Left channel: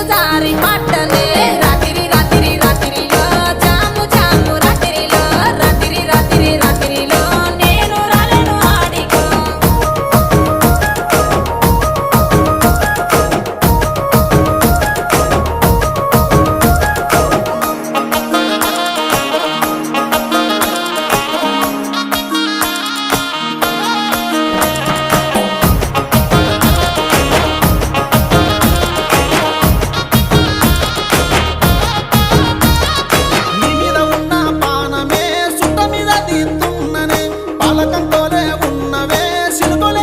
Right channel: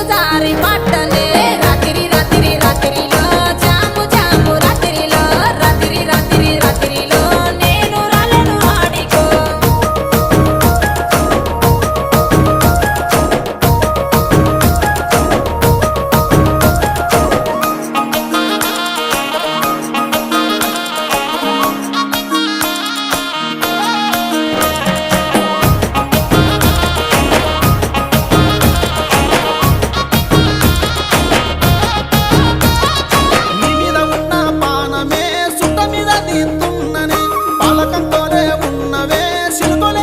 నీరు జారి పట్టనే రాత్రి రాత్రి రాత్రిలో జాము జాము రాత్రిలో రాత్రి రాత్రి రాత్రిలో నేను రాలను ఆడికో నీ మీద ఉన్న పానమే సుట్ట మీద తీస్తున్ననే పాలకంతోనే ఉన్నవే సిలుకొలే